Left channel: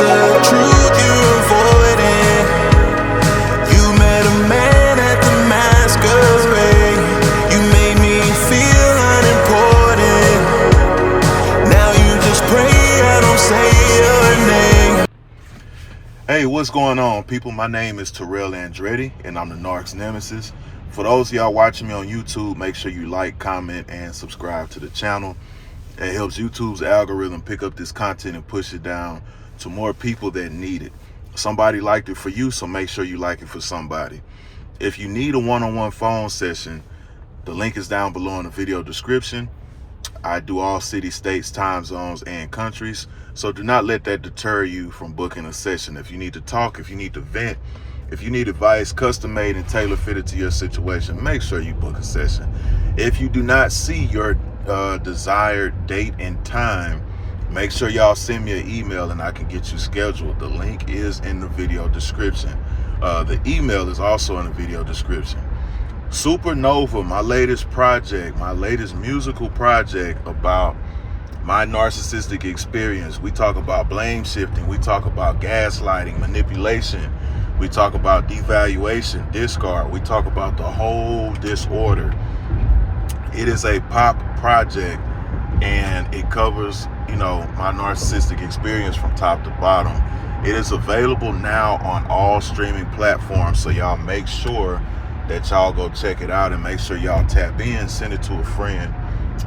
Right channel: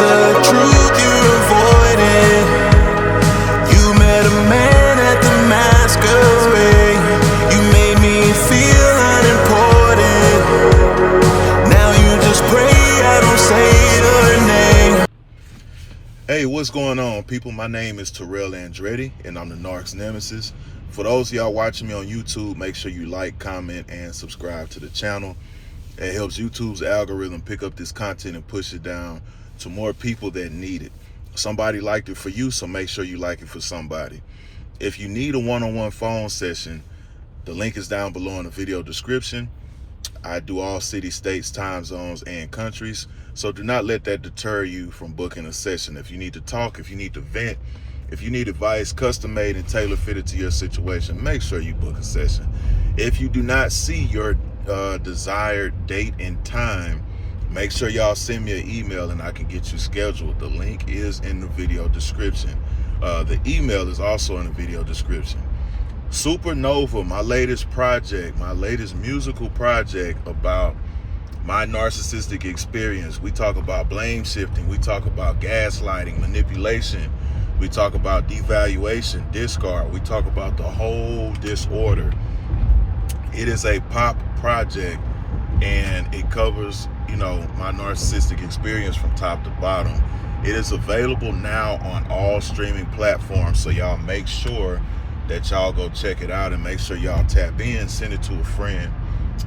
the truth you're avoiding. You met a man at the masquerade. You made me feel unimportant. Now you just pray I don't say your name. Hey, what's going on, people? My name is Terrell Andretti, and I'm the Narc's Nemesis. For those of y'all watching me on YouTube, make sure you like, comment, and subscribe to the channel. It helps YouTube's algorithm pick up this content and push it down to more people that need it. Somebody liked it for you, so make sure you like it for somebody. If you need a one-on-one phone session, the link is down below in the video description. I do all cities, states, time zones, and countries, so do not let that deter you from booking a session. If you need to talk, if you need to vent, if you need advice custom-made and tailor-fitted to your situation, make sure you book a session. If you do not see your desired date and time, make sure y'all send me an email and I can get you scheduled. The link is in the video description. The email is also in the video description. Supernova, my latest project, my latest musical project about my narcissistic experience. We talk about blame shifting. We talk about gaslighting, manipulation. We talk about devaluation, discard. We talk about the whole disorder. It is a pop project, and it covers, my narcissistic experience from top to bottom. It is available now on all streaming platforms, so y'all make sure that y'all go check it out and make sure y'all tap in, send it to a friend.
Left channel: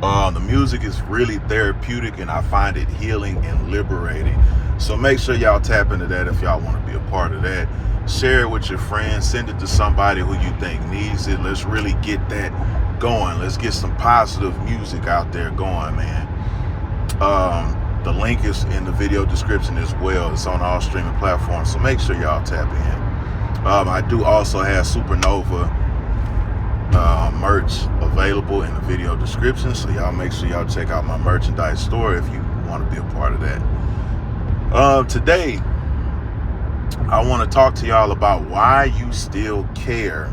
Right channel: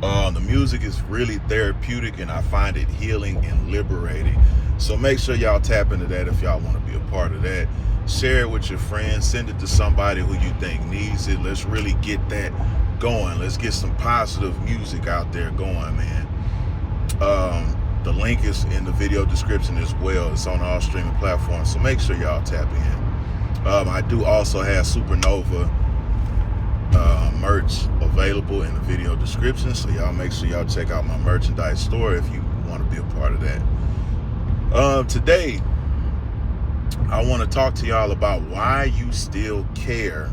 The music is really therapeutic, and I find it healing and liberating. So make sure y'all tap into that if y'all want to be a part of that. Share it with your friends, send it to somebody who you think needs it. Let's really get that going. Let's get some positive music out there going, man. The link is in the video description as well. It's on all streaming platforms, so make sure y'all tap in. I do also have Supernova merch available in the video description, so y'all make sure y'all check out my merchandise store if you want to be a part of that. Today, I want to talk to y'all about why you still care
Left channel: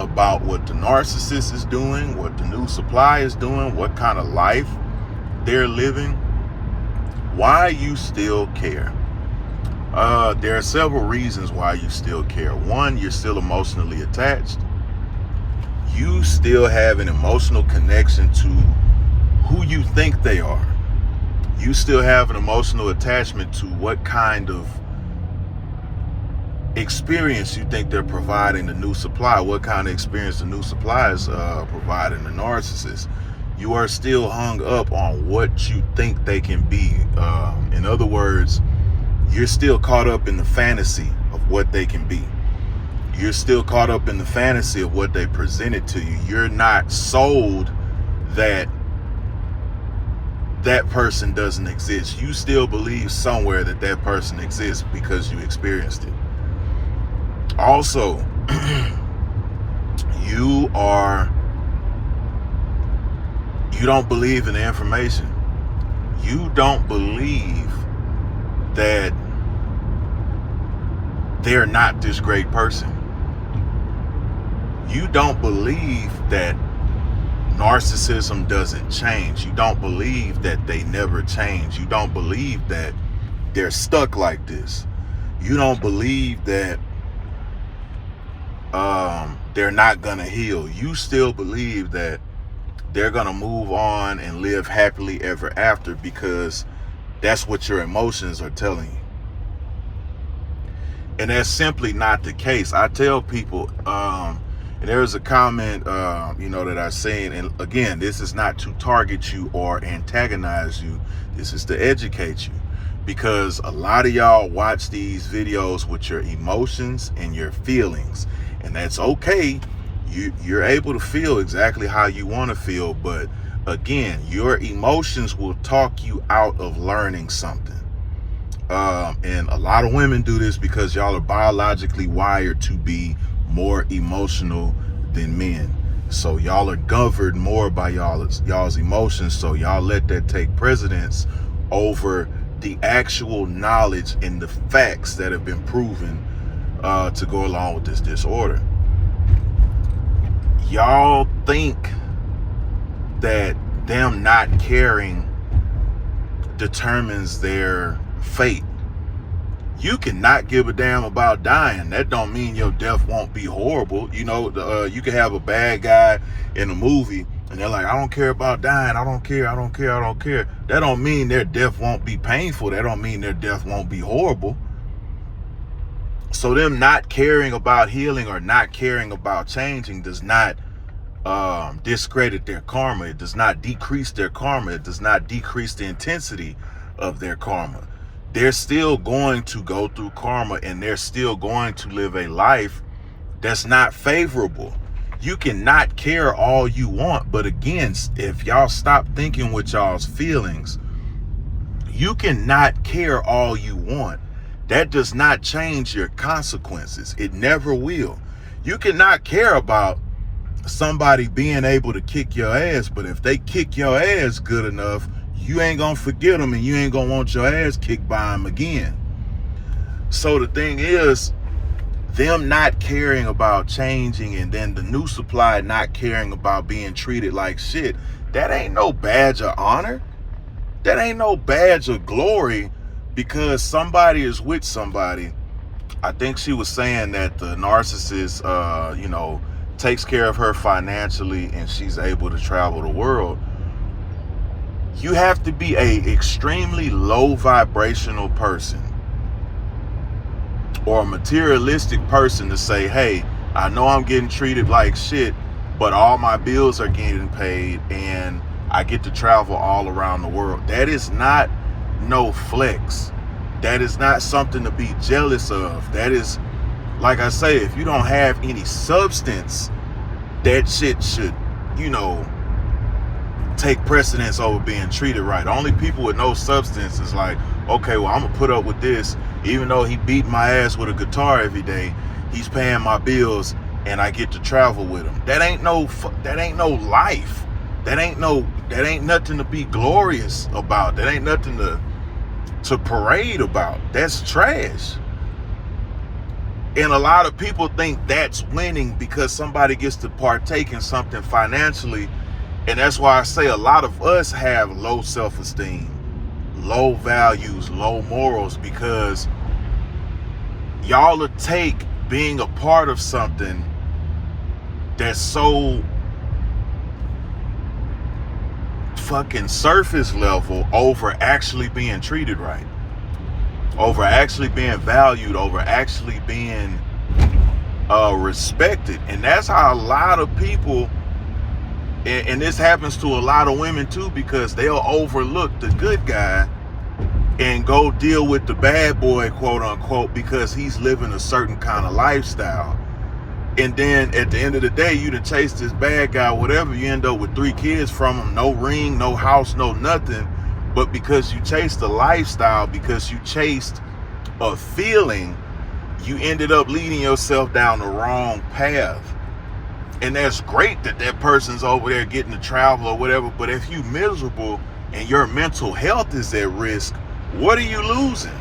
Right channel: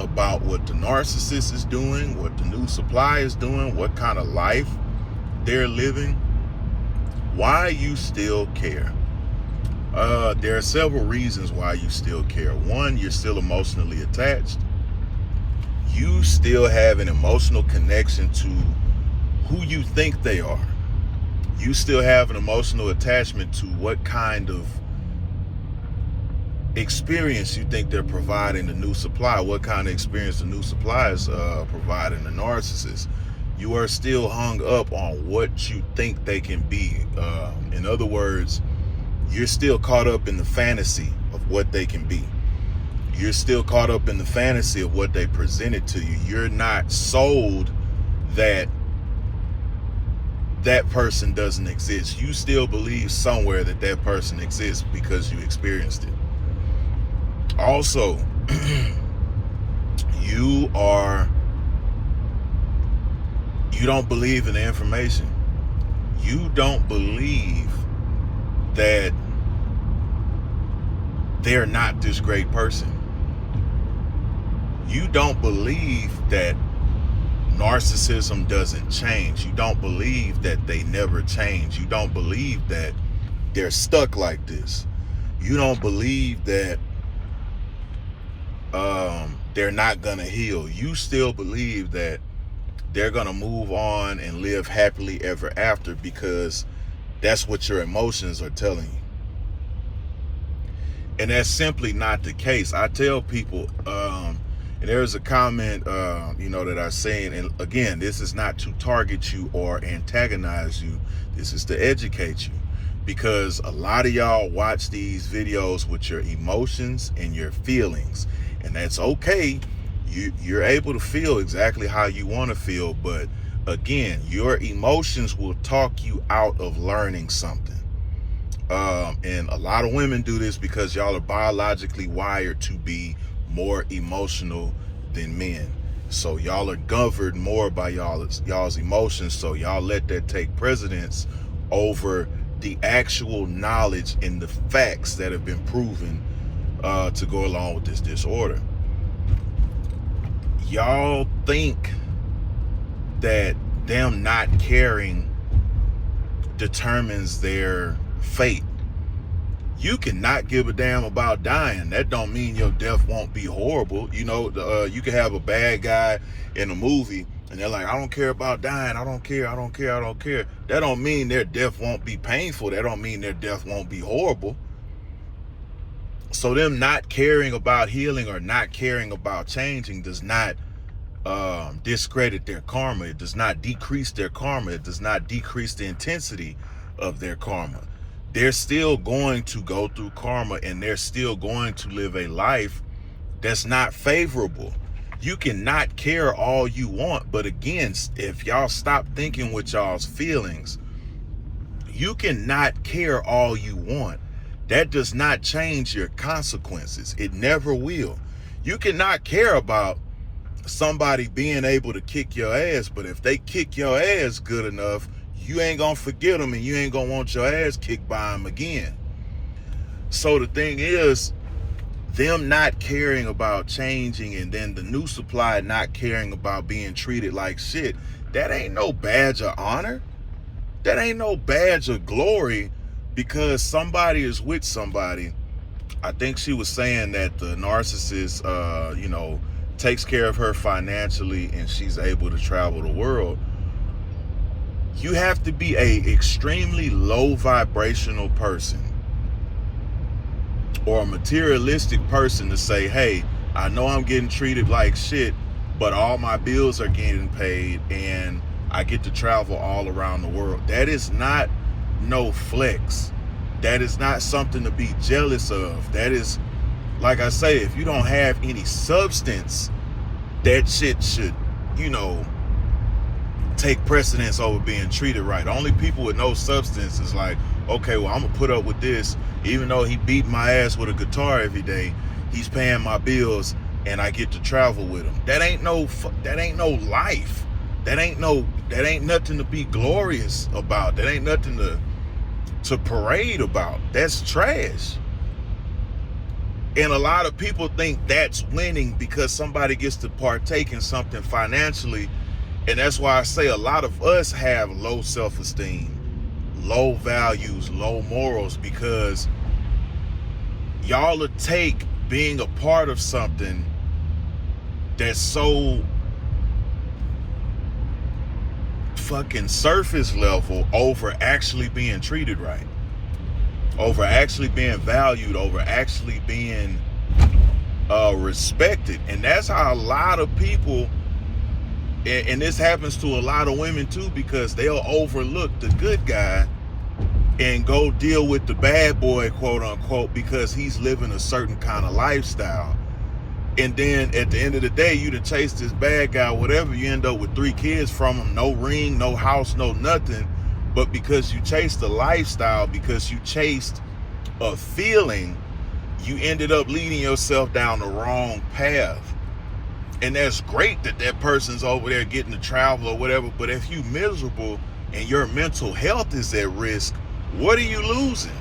about what the narcissist is doing, what the new supply is doing, what kind of life they're living, why you still care. There are several reasons why you still care. One, you're still emotionally attached. You still have an emotional connection to who you think they are. You still have an emotional attachment to what kind of experience you think they're providing the new supply, what kind of experience the new supply is providing the narcissist. You are still hung up on what you think they can be. In other words, you're still caught up in the fantasy of what they can be. You're still caught up in the fantasy of what they presented to you. You're not sold that that person doesn't exist. You still believe somewhere that that person exists because you experienced it. Also, you don't believe in the information. You don't believe that they're not this great person. You don't believe that narcissism doesn't change. You don't believe that they never change. You don't believe that they're stuck like this. You don't believe that they're not gonna heal. You still believe that they're gonna move on and live happily ever after because that's what your emotions are telling you. And that's simply not the case. I tell people, there's a comment, that I say, and again, this is not to target you or antagonize you. This is to educate you, because a lot of y'all watch these videos with your emotions and your feelings, and that's okay. You're able to feel exactly how you want to feel, but again, your emotions will talk you out of learning something. And a lot of women do this because y'all are biologically wired to be more emotional than men. So y'all are governed more by y'all's emotions. So y'all let that take precedence over the actual knowledge and the facts that have been proven to go along with this disorder. Y'all think that them not caring determines their fate. You cannot give a damn about dying. That don't mean your death won't be horrible. You know, you can have a bad guy in a movie and they're like, I don't care about dying. I don't care. That don't mean their death won't be painful. That don't mean their death won't be horrible. So them not caring about healing or not caring about changing does not discredit their karma. It does not decrease their karma. It does not decrease the intensity of their karma. They're still going to go through karma, and they're still going to live a life that's not favorable. You cannot care all you want, but again, if y'all stop thinking with y'all's feelings, you cannot care all you want. That does not change your consequences. It never will. You cannot care about somebody being able to kick your ass, but if they kick your ass good enough, you ain't gonna forget them and you ain't gonna want your ass kicked by them again. So the thing is, them not caring about changing and then the new supply not caring about being treated like shit, that ain't no badge of honor. That ain't no badge of glory because somebody is with somebody. I think she was saying that the narcissist, takes care of her financially and she's able to travel the world. You have to be a extremely low vibrational person or a materialistic person to say, hey, I know I'm getting treated like shit, but all my bills are getting paid and I get to travel all around the world. That is not no flex. That is not something to be jealous of. That is, like I say, if you don't have any substance, that shit should, take precedence over being treated right. Only people with no substance is like, okay, well, I'm gonna put up with this, even though he beat my ass with a guitar every day. He's paying my bills, and I get to travel with him. That ain't no life. That ain't nothing to be glorious about. That ain't nothing to parade about. That's trash. And a lot of people think that's winning because somebody gets to partake in something financially. And that's why I say a lot of us have low self-esteem, low values, low morals, because y'all will take being a part of something that's so fucking surface level over actually being treated right, over actually being valued, over actually being respected. And that's how a lot of people, and this happens to a lot of women too, because they'll overlook the good guy and go deal with the bad boy, quote unquote, because he's living a certain kind of lifestyle. And then at the end of the day, you done chase this bad guy, whatever, you end up with 3 kids from him, no ring, no house, no nothing. But because you chased a lifestyle, because you chased a feeling, you ended up leading yourself down the wrong path. And that's great that that person's over there getting to travel or whatever, but if you miserable and your mental health is at risk, what are you losing?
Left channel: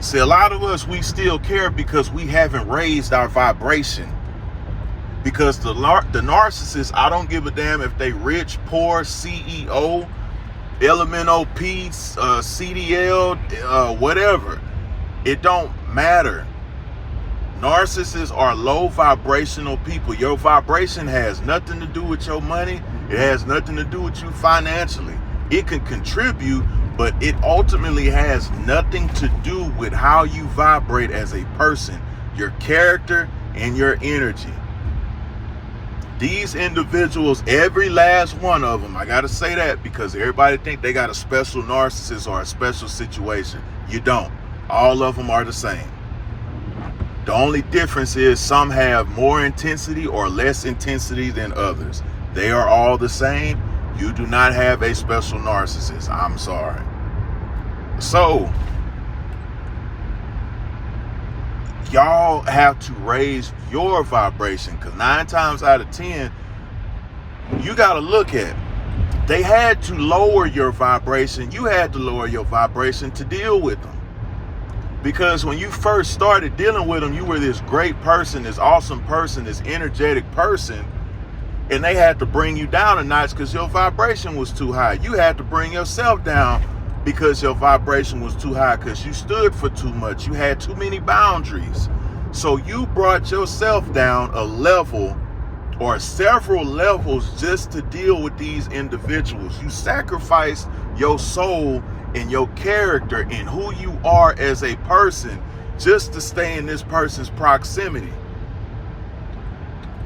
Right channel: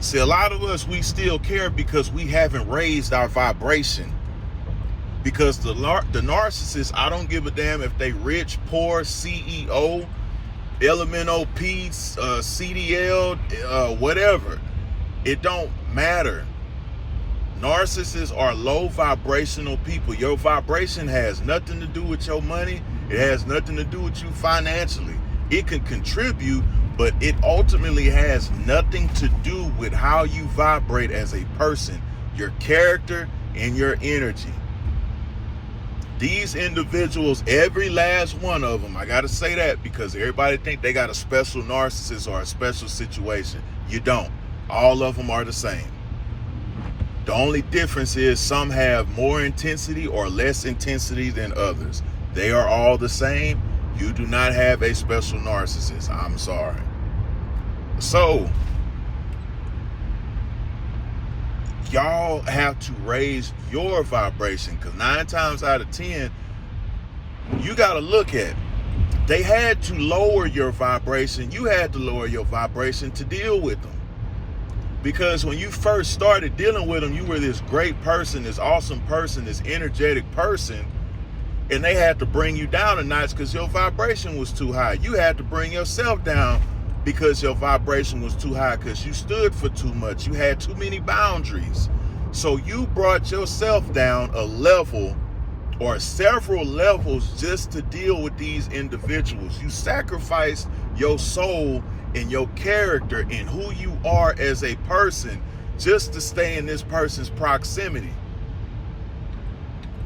See, a lot of us, we still care because we haven't raised our vibration. Because the narcissist, I don't give a damn if they rich, poor, CEO, LMNOP, CDL, whatever. It don't matter. Narcissists are low vibrational people. Your vibration has nothing to do with your money. It has nothing to do with you financially. It can contribute, but it ultimately has nothing to do with how you vibrate as a person, your character and your energy. These individuals, every last one of them, I gotta say that because everybody think they got a special narcissist or a special situation. You don't. All of them are the same. The only difference is some have more intensity or less intensity than others. They are all the same. You do not have a special narcissist. I'm sorry. So, y'all have to raise your vibration, because 9 times out of 10, you got to look at it. They had to lower your vibration. You had to lower your vibration to deal with them. Because when you first started dealing with them, you were this great person, this awesome person, this energetic person, and they had to bring you down a notch because your vibration was too high. You had to bring yourself down because your vibration was too high, because you stood for too much. You had too many boundaries. So you brought yourself down a level or several levels just to deal with these individuals. You sacrificed your soul and your character and who you are as a person just to stay in this person's proximity.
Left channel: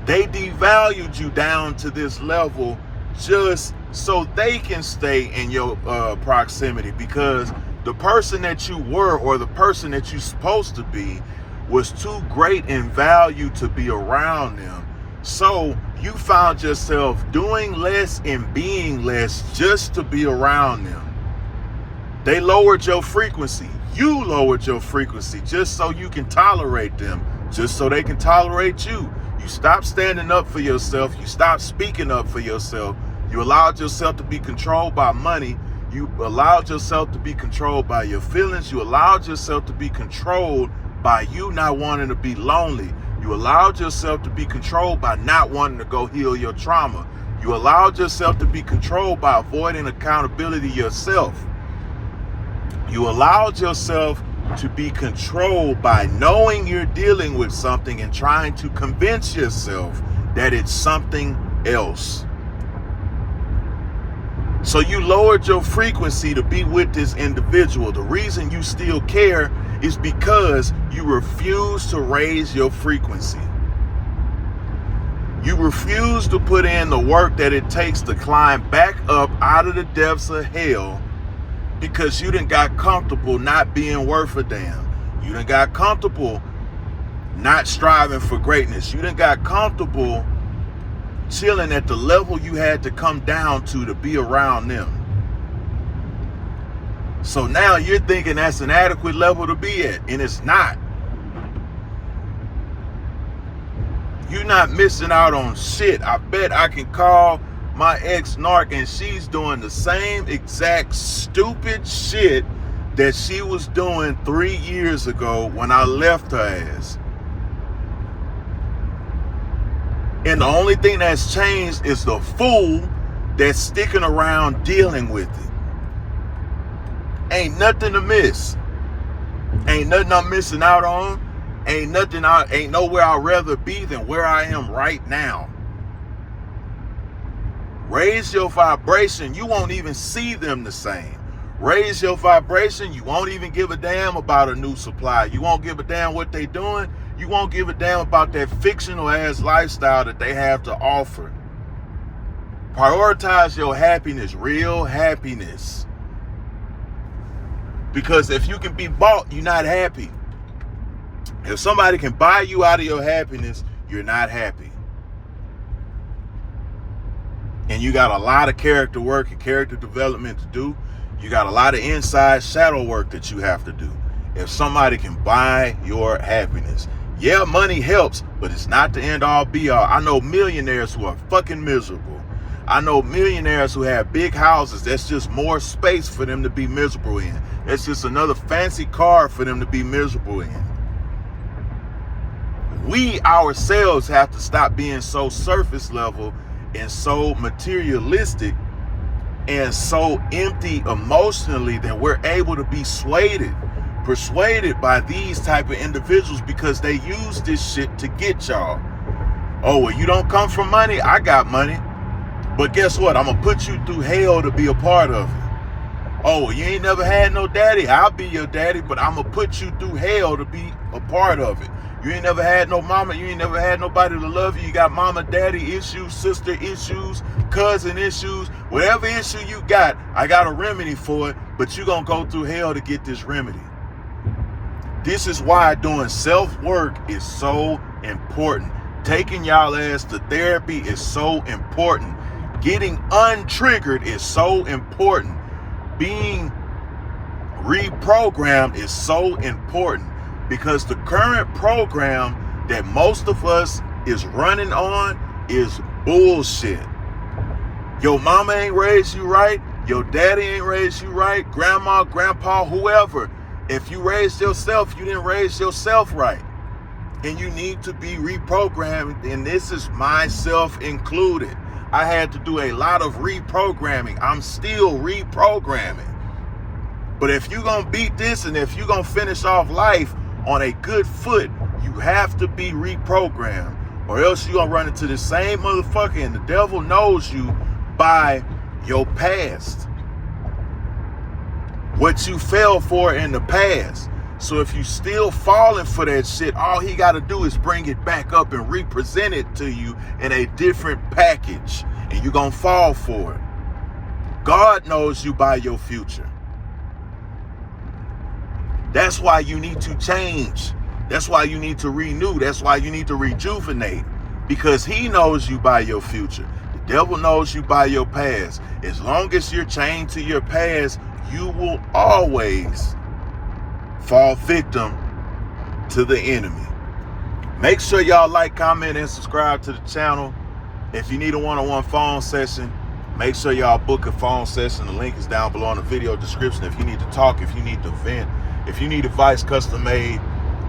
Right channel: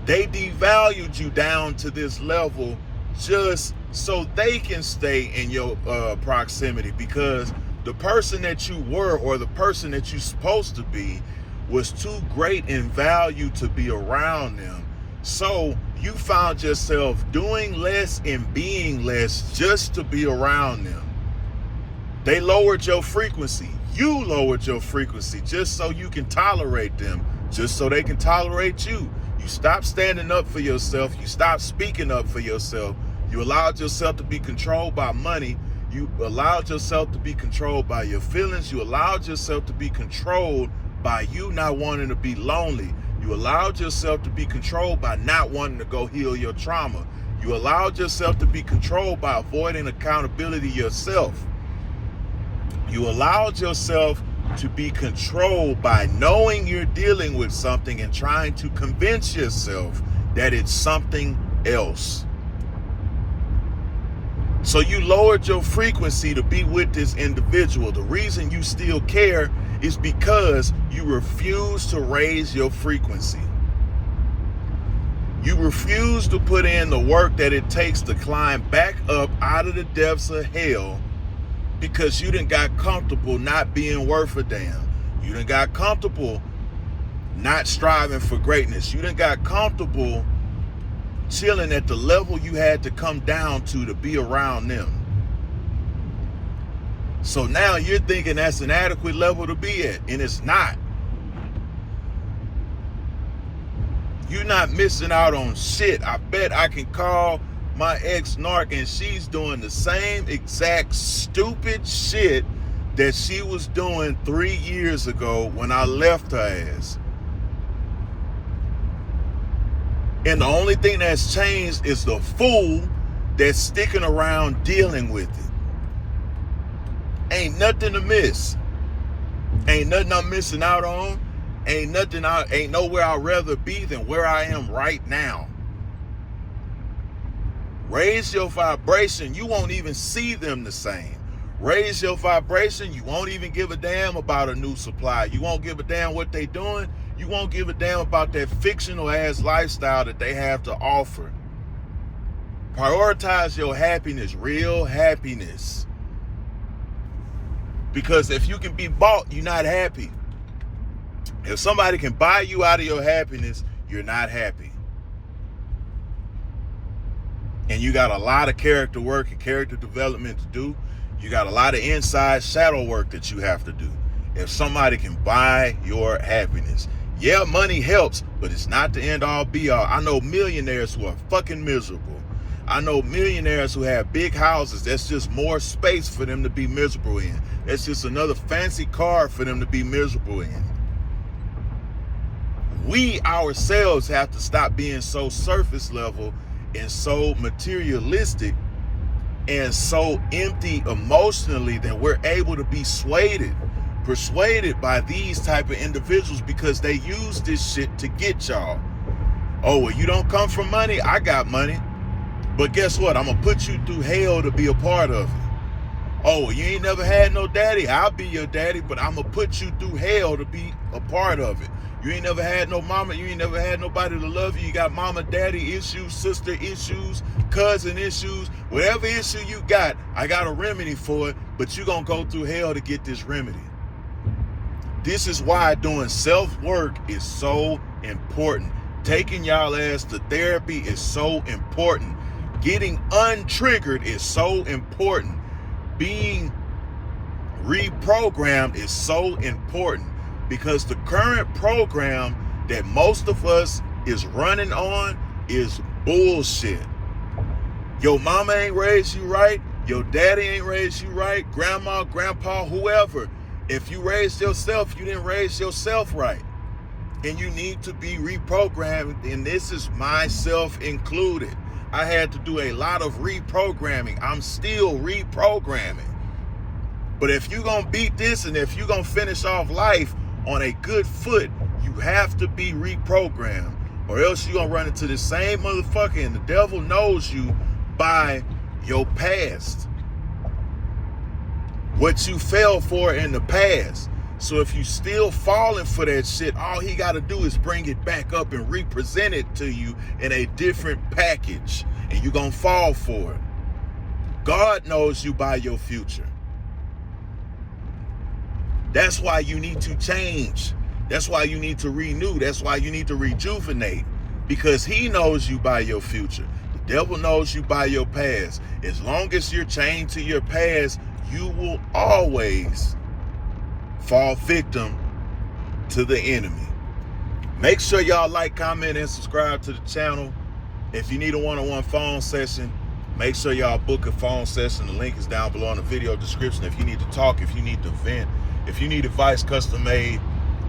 They devalued you down to this level just so they can stay in your proximity, because the person that you were, or the person that you're supposed to be, was too great in value to be around them. So you found yourself doing less and being less just to be around them. They lowered your frequency. You lowered your frequency just so you can tolerate them, just so they can tolerate you. You stopped standing up for yourself. You stopped speaking up for yourself. You allowed yourself to be controlled by money. You allowed yourself to be controlled by your feelings. You allowed yourself to be controlled by you not wanting to be lonely. You allowed yourself to be controlled by not wanting to go heal your trauma. You allowed yourself to be controlled by avoiding accountability yourself. You allowed yourself to be controlled by knowing you're dealing with something and trying to convince yourself that it's something else. So you lowered your frequency to be with this individual. The reason you still care is because you refuse to raise your frequency. You refuse to put in the work that it takes to climb back up out of the depths of hell, because you done got comfortable not being worth a damn. You done got comfortable not striving for greatness. You done got comfortable chilling at the level you had to come down to be around them. So now you're thinking that's an adequate level to be at, and it's not. You're not missing out on shit. I bet I can call my ex-narc and she's doing the same exact stupid shit that she was doing 3 years ago when I left her ass. And the only thing that's changed is the fool that's sticking around dealing with it. Ain't nothing to miss. Ain't nothing I'm missing out on. Ain't nowhere I'd rather be than where I am right now. Raise your vibration, you won't even see them the same. Raise your vibration, you won't even give a damn about a new supply. You won't give a damn what they doing. You won't give a damn about that fictional ass lifestyle that they have to offer. Prioritize your happiness, real happiness. Because if you can be bought, you're not happy. If somebody can buy you out of your happiness, you're not happy. And you got a lot of character work and character development to do. You got a lot of inside shadow work that you have to do. If somebody can buy your happiness. Yeah, money helps, but it's not the end all be all. I know millionaires who are fucking miserable. I know millionaires who have big houses. That's just more space for them to be miserable in. It's just another fancy car for them to be miserable in. We ourselves have to stop being so surface level and so materialistic and so empty emotionally that we're able to be persuaded by these type of individuals, because they use this shit to get y'all. Oh, well, you don't come from money? I got money. But guess what? I'm going to put you through hell to be a part of it. Oh, you ain't never had no daddy? I'll be your daddy, but I'm going to put you through hell to be a part of it. You ain't never had no mama. You ain't never had nobody to love you. You got mama, daddy issues, sister issues, cousin issues. Whatever issue you got, I got a remedy for it, but you going to go through hell to get this remedy. This is why doing self-work is so important. Taking y'all ass to therapy is so important. Getting untriggered is so important. Being reprogrammed is so important, because the current program that most of us is running on is bullshit. Your mama ain't raised you right. Your daddy ain't raised you right. Grandma, grandpa, whoever. If you raised yourself, you didn't raise yourself right. And you need to be reprogrammed. And this is myself included. I had to do a lot of reprogramming. I'm still reprogramming. But if you're going to beat this and if you're going to finish off life on a good foot, you have to be reprogrammed, or else you're going to run into the same motherfucker, and the devil knows you by your past, what you fell for in the past. So if you still falling for that shit, all he got to do is bring it back up and represent it to you in a different package, and you're going to fall for it. God knows you by your future. That's why you need to change. That's why you need to renew. That's why you need to rejuvenate, because he knows you by your future. The devil knows you by your past. As long as you're chained to your past, you will always fall victim to the enemy. Make sure y'all like, comment, and subscribe to the channel. If you need a one-on-one phone session, make sure y'all book a phone session. The link is down below in the video description. If you need to talk, if you need to vent, if you need advice custom made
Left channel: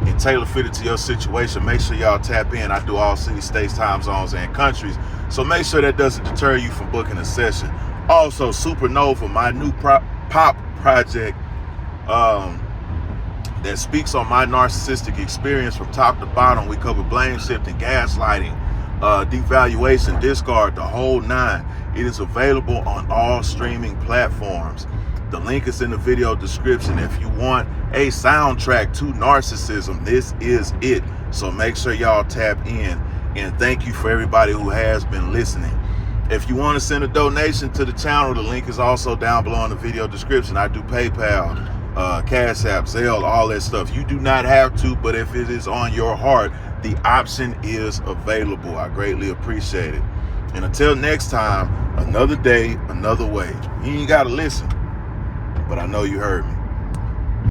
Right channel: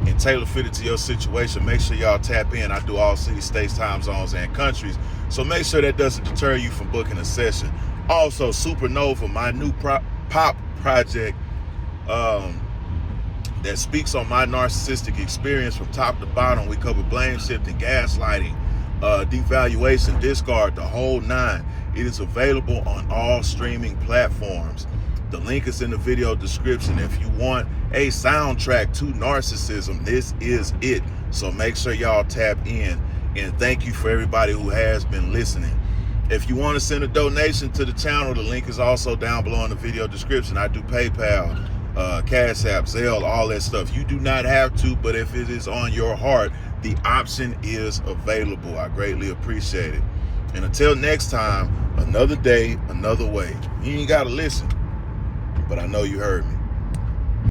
and tailor fitted to your situation, make sure y'all tap in. I do all cities, states, time zones, and countries. So make sure that doesn't deter you from booking a session. Also, Supernova, my new pop project that speaks on my narcissistic experience from top to bottom. We cover blame shifting, gaslighting, devaluation, discard, the whole nine. It is available on all streaming platforms. The link is in the video description. If you want a soundtrack to narcissism, this is it. So make sure y'all tap in. And thank you for everybody who has been listening. If you want to send a donation to the channel, the link is also down below in the video description. I do PayPal, Cash App, Zelle, all that stuff. You do not have to, but if it is on your heart, the option is available. I greatly appreciate it. And until next time, another day, another way. You ain't got to listen, but I know you heard me.